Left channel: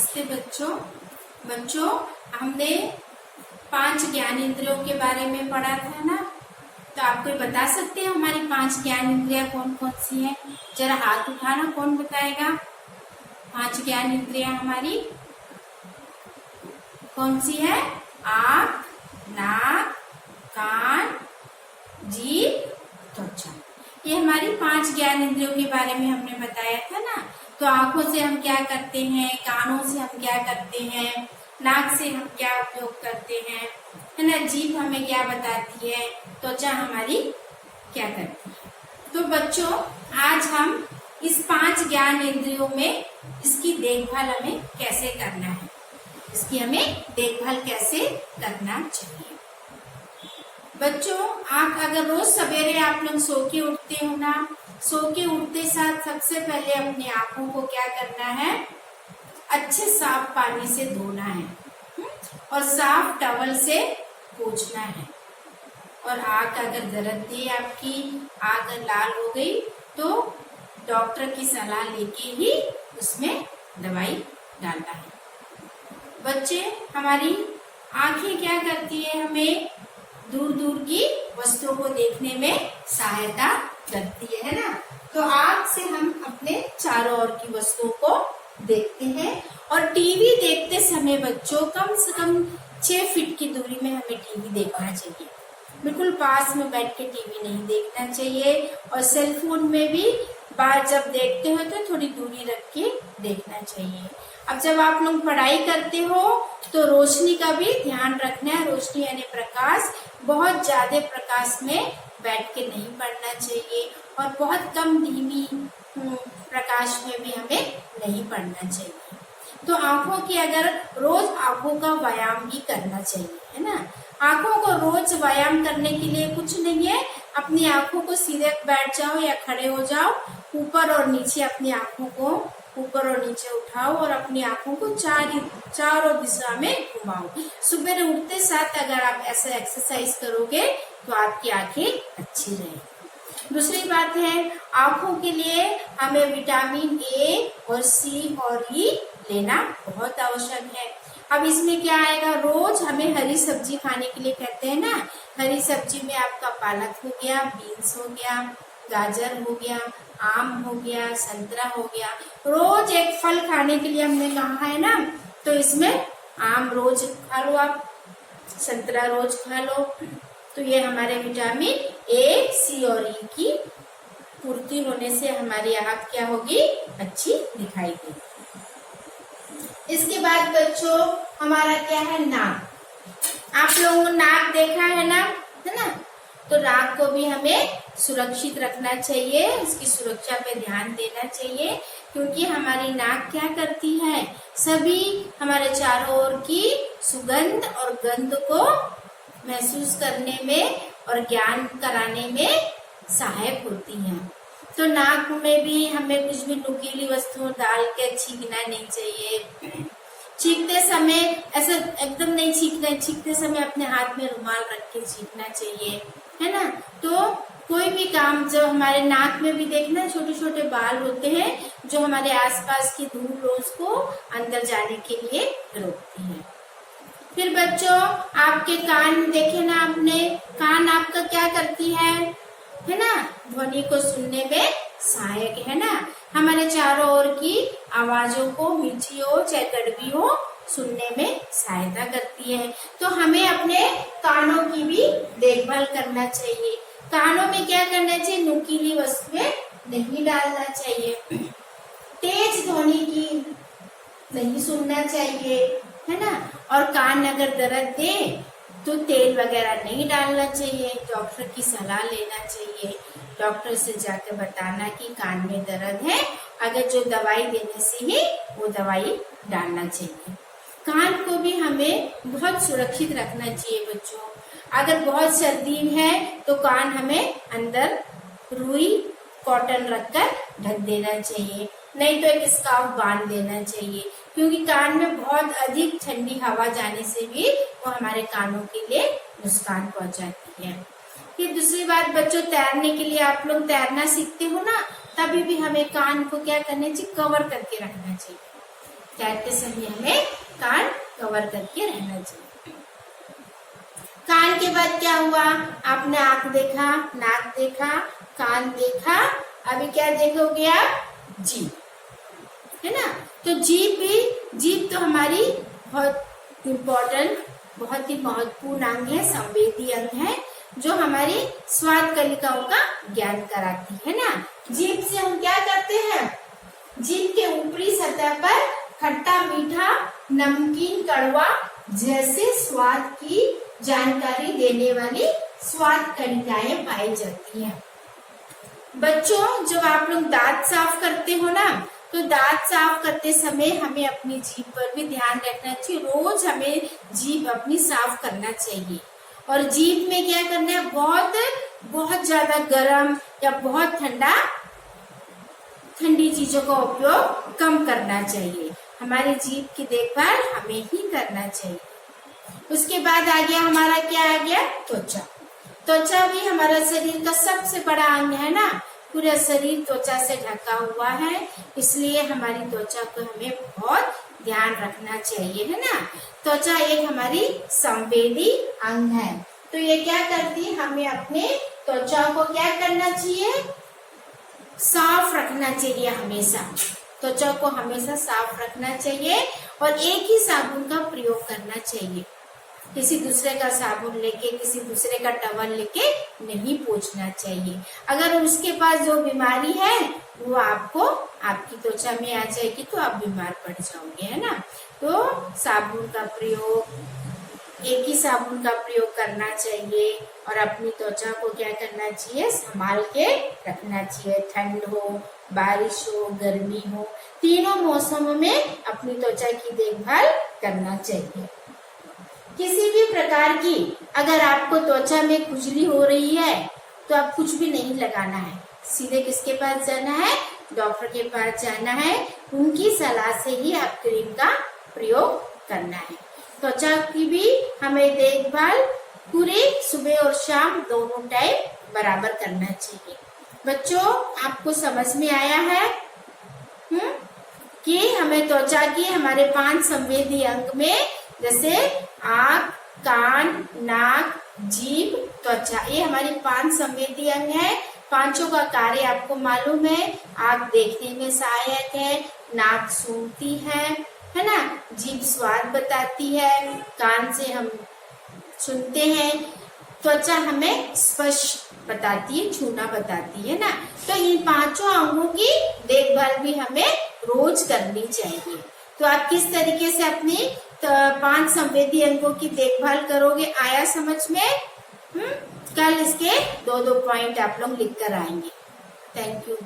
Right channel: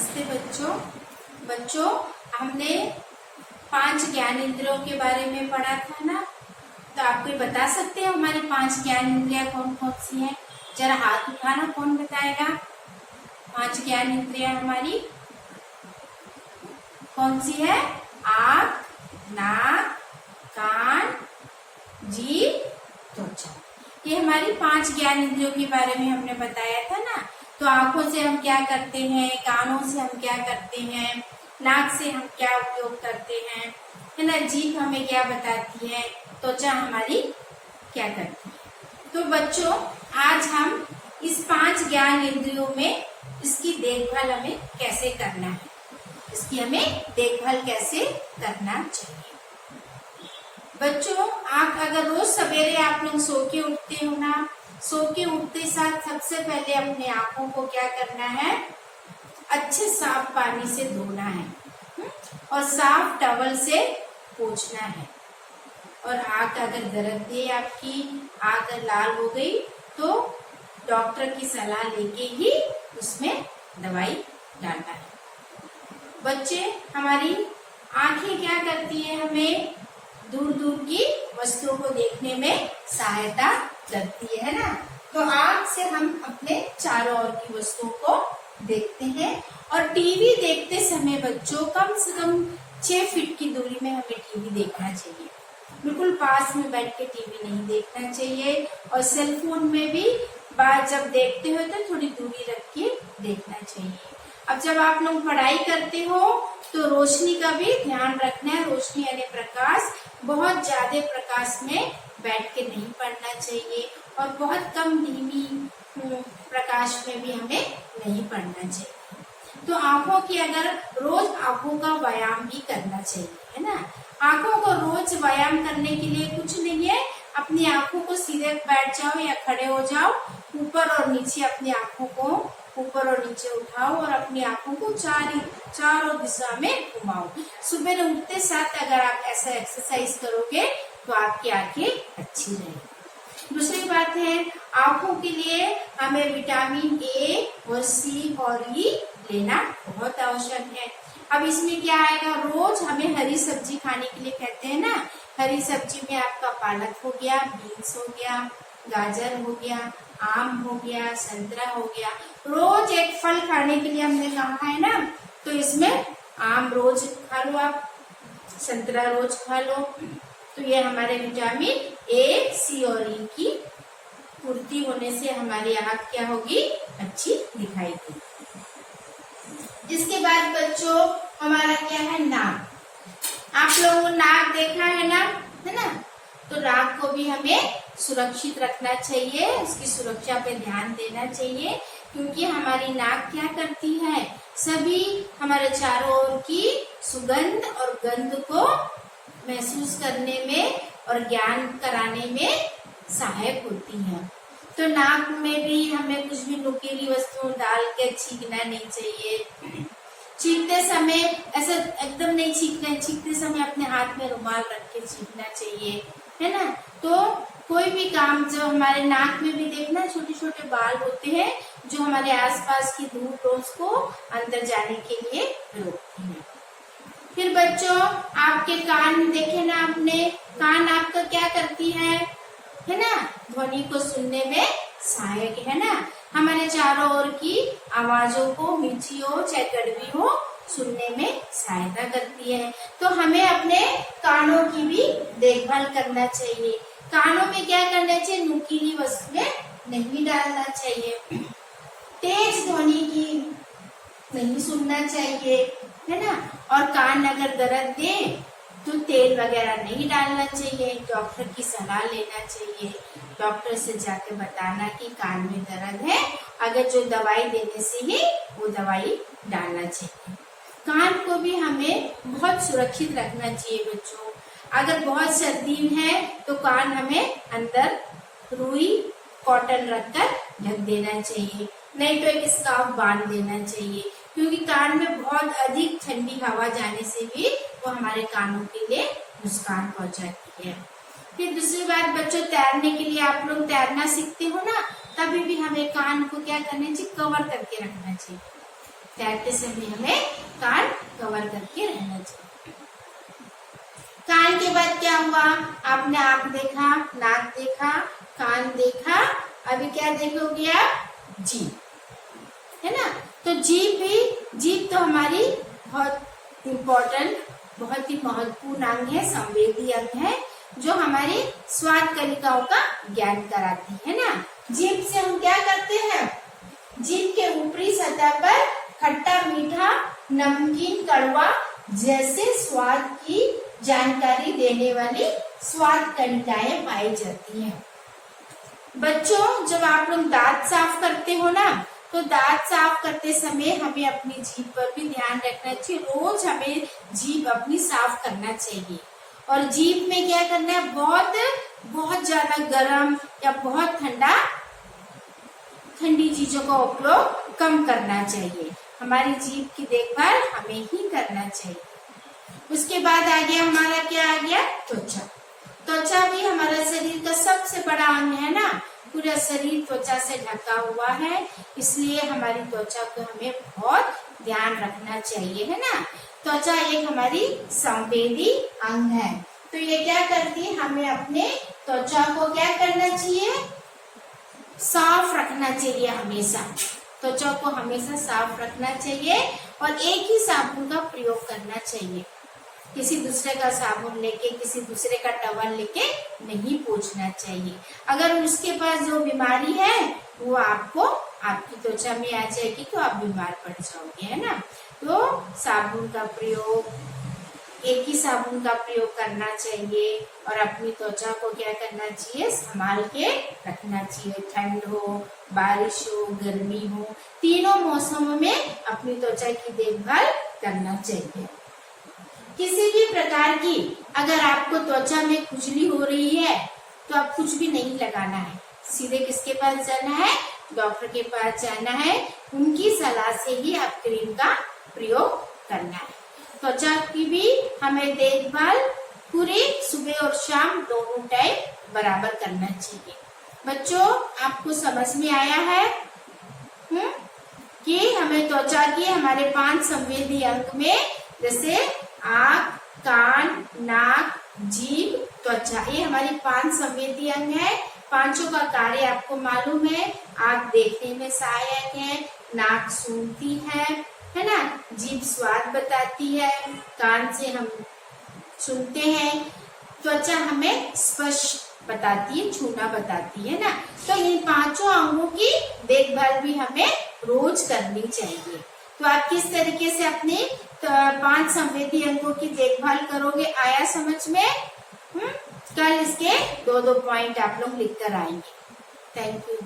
नमस्ते बच्चों हमने 5 ज्ञान इंद्रियों के बारे में पढ़ा था ना। तो आप कोई बता सकते हैं हमारी 5 ज्ञान इंद्रियां कौन कौन सी हैं? जरा हाथ उठाना, कौन बताएगा? 5 ज्ञान इंद्रियां हमारी कौन सी है? आँख, नाक, कान, जीभ, त्वचा। ये हमारी 5 ज्ञान इंद्रियों के बारे में हमने बताया था ना। तो आंखों से हम क्या करते हैं, कानों से हम क्या करते हैं, नाक से हम क्या उपयोग करते हैं, है ना। जीभ हमें क्या बताती है, त्वचा हमारी क्या करती है। तो बच्चों आज हम इस 5 ज्ञान इंद्रियों में इसकी देखभाल हमें कैसे करना है, इसकी हमें देखभाल कैसे करना चाहिए। बच्चों अगर रोज सवेरे आप लोग सो के उठते हो ना, सो के उठते साथ सबसे पहले अपनी आंखों को क्या करना है? अच्छे साफ पानी से धोना है और साफ टॉवल से पोंछना है। और आंख अगर दर्द दे, आपकी आंख लाल हो गई तो डॉक्टर की सलाह लेके ही उसमें दवाई डालना है। बच्चे हमारी आंखें क्या करती है? हमें दूर दूर की वस्तुओं को देखने में सहायता करती है ना। तो आँख से हम अपने चारों ओर की वस्तुओं को देखते हैं। और टीवी देखते समय बच्चों कम से कम 6 फीट की दूरी में हमें टीवी देखना चाहिए। बिल्कुल पास में बैठ के टीवी नहीं देखना चाहिए। और सेल फोन में भी बात जब देखते हो तो थोड़ी दूरी रख के देखना चाहिए। अब जब आप लोग पढ़ाई करते हो तो रोशनी का भी ध्यान रखना है। रोशनी यानी प्रकाश, बहुत ज्यादा प्रकाश में बैठ के नहीं पढ़ना चाहिए और बहुत कम धीमी प्रकाश में भी हमें नहीं पढ़ना चाहिए। तो आंखों की अगर रोज आंखों का व्यायाम भी करना चाहिए, है ना। आंखों को रोज व्यायाम करने के लिए कुछ नहीं है, अपनी आंखों को सीधे बैठ जाओ या खड़े हो जाओ, ऊपर और नीचे अपनी आंखों को ऊपर और नीचे उठाओ और अपनी आंखों को चारों दिशा में घुमाओ। सुबह उठते साथ अगर आप ऐसा एक्सरसाइज करोगे तो आपकी आंखें अच्छी रहेगी। दूसरी बात है, आंखों के लिए हमें विटामिन ए और सी और ई लेना बहुत आवश्यक है। अब इसमें क्या आएगा? रोज हमें हरी सब्जी खाने के लिए कहते हैं ना। हरी सब्जी में आपका पालक हो गया, बीन्स हो गया, गाजर हो गया, आम हो गया, संतरा हो गया। रोज एक फल खाने के लिए हमने कहा है ना। तो इसमें आम रोज खा लो, आप संतरा रोज खा लो। तो ये हमारे विटामिन ए, सी और ई की पूर्ति होने से हमारी आँख क्या होगी? अच्छी दिखाई देगी। इसके बाद बच्चों हमारा क्या है? नाक। आप लोगों ने नाक देखा है ना, है ना। तो नाक को भी हमें सुरक्षित रखना चाहिए, उसकी सुरक्षा पे ध्यान देना चाहिए। क्योंकि हमारी नाक क्या करती है? सभी हमारे चारों ओर की सुगंध और गंध को महसूस करने में और ज्ञान कराने में सहायक होती है। तो नाक में भी हमें कुछ भी नुकीली वस्तुओं डाल के छींकना नहीं चाहिए। छींकते समय ऐसा एकदम नहीं छींकना, छींकते समय अपने हाथ में रुमाल रख के छींकना चाहिए, है ना। तो कोई भी काम, जो हमारे नाक में भी देखना छोटे छोटे बाल होते हैं जो हमारे आसपास की धूल उसको अंदर जाने के लिए रोकती है। फिर बच्चों आपके कान में देखे ना आपने, कान आपका क्या करती है ना, ध्वनि को सुनने में सहायक है ना। हमारे चारों ओर की आवाजों को, मीठी हो चाहे कड़वी हो, सुनने में सहायता करती है। तो हमें अपने कानों की भी देखभाल करना चाहिए। कानों में क्या करना चाहिए? नुकीली वस्तुएं नहीं डालना चाहिए, तेज ध्वनि की नहीं सुनना चाहिए, है ना। और कान अगर दर्द दे तो तेल वगैरह नहीं डालना चाहिए, डॉक्टर की सलाह लेना चाहिए। डॉक्टर से जाके बताना कि कान में दर्द है, अगर जो दवाई देने से ही वो दवाई डालना चाहिए। कान को भी हमें बहुत सुरक्षित रखना चाहिए बच्चों। अगर बहुत सर्दी है तो कान हमें अंदर रुई कॉटन रखकर ढक देना चाहिए, नहीं तो एक स्कार्फ बांध देना चाहिए। क्योंकि कान में बहुत अधिक ठंडी हवा जाने से भी वो हमारे कानों के लिए नुकसान पहुंचाती है। फिर दूसरी बात बच्चों, तैरने के लिए आप लोग तैरना सीखते हो ना, तभी भी हमें कान को क्या करना चाहिए? कवर करके रखना चाहिए। तैरते समय हमें कान कवर करके रहना चाहिए। कान के बाद क्या हुआ? आपने आंख देखा, नाक देखा, कान देखा, अभी क्या देखोगे आप? जीभ, है ना। तो जीभ तो हमारी बहुत इम्पोर्टेंट, बहुत ही महत्वपूर्ण अंग है, संवेदी अंग है, जो हमारी स्वाद कलिकाओं का ज्ञान कराती है ना। जीभ से हम क्या करते हैं? जीभ के ऊपरी सतह पर खट्टा, मीठा, नमकीन, कड़वा जैसे स्वाद की जानकारी देने वाली स्वाद कलिकाएं पाई जाती हैं। बच्चों, जब आप लोग दांत साफ करते हो ना, तो दांत साफ करते समय हमें अपनी जीभ पर भी ध्यान रखना चाहिए। रोज हमें जीभ अपनी साफ करना चाहिए। और जीभ में क्या करना है? बहुत ज्यादा गर्म या बहुत ठंडी चीजों का उपयोग कम करना चाहिए। हमारी जीभ की देखभाल हमें ही करना चाहिए। उसके बाद आ गया हमारा, क्या आ गया? त्वचा। त्वचा भी हमारा शरीर का सबसे बड़ा अंग है ना। पूरा शरीर त्वचा से ढका हुआ है, इसलिए हमारी त्वचा को हमें बहुत ध्यान रखना चाहिए, है ना। त्वचा एक हमारी संवेदी अंग है। तो ये क्या करती है? हमें अपने त्वचा को क्या करना चाहिए? साफ रखना चाहिए हमेशा। त्वचा को हमेशा साफ रखना चाहिए और एक ही साबुन का प्रयोग करना चाहिए। किसी दूसरे का साबुन लेके, किसी दूसरे का टवल लेके नहीं पोंछना चाहिए। अगर उसके पास जो बीमारी है वो आपको आपकी त्वचा में आ जाएगी तो आप बीमार पड़ जाओगे, है ना। तो साबुन का प्रयोग, एक ही साबुन का प्रयोग करना चाहिए और अपनी त्वचा को क्या करना चाहिए? संभाल के रखना चाहिए। ठंड हो, बारिश हो, गर्मी हो, तीनों मौसमों में अपनी त्वचा की देखभाल करना चाहिए। किसी भी प्रकार की अगर आपको त्वचा में खुजली हो रही है तो आप कुछ भी नहीं लगाना है। सीधे किसके पास जाना है? डॉक्टर के पास जाना है। उनकी सलाह से ही आप क्रीम का प्रयोग करना है। त्वचा की भी हमें देखभाल पूरे सुबह और शाम दोनों टाइम बराबर करना चाहिए। बच्चों, आपको समझ में आया है कि हमें त्वचा की हमारे 5 संवेदी अंग में, जैसे आँख, कान, नाक, जीभ, त्वचा, ये हमारी 5 संवेदी अंग है। पांचों का कार्य आपको मालूम है। आँख देखने में सहायक है, नाक सूंघती है ना, जीभ स्वाद बताती है, कान से हम सुनते हैं, त्वचा हमें स्पर्श बताती है, छूना बताती है ना। तो इन 5 अंगों की देखभाल भी हमें रोज करनी चाहिए। तो आप किस तरीके से अपने 5 संवेदी अंगों की देखभाल करोगे, आया समझ में? कल इसके 2-2 पॉइंट आप लोग लिख कर आएंगे। Thank you.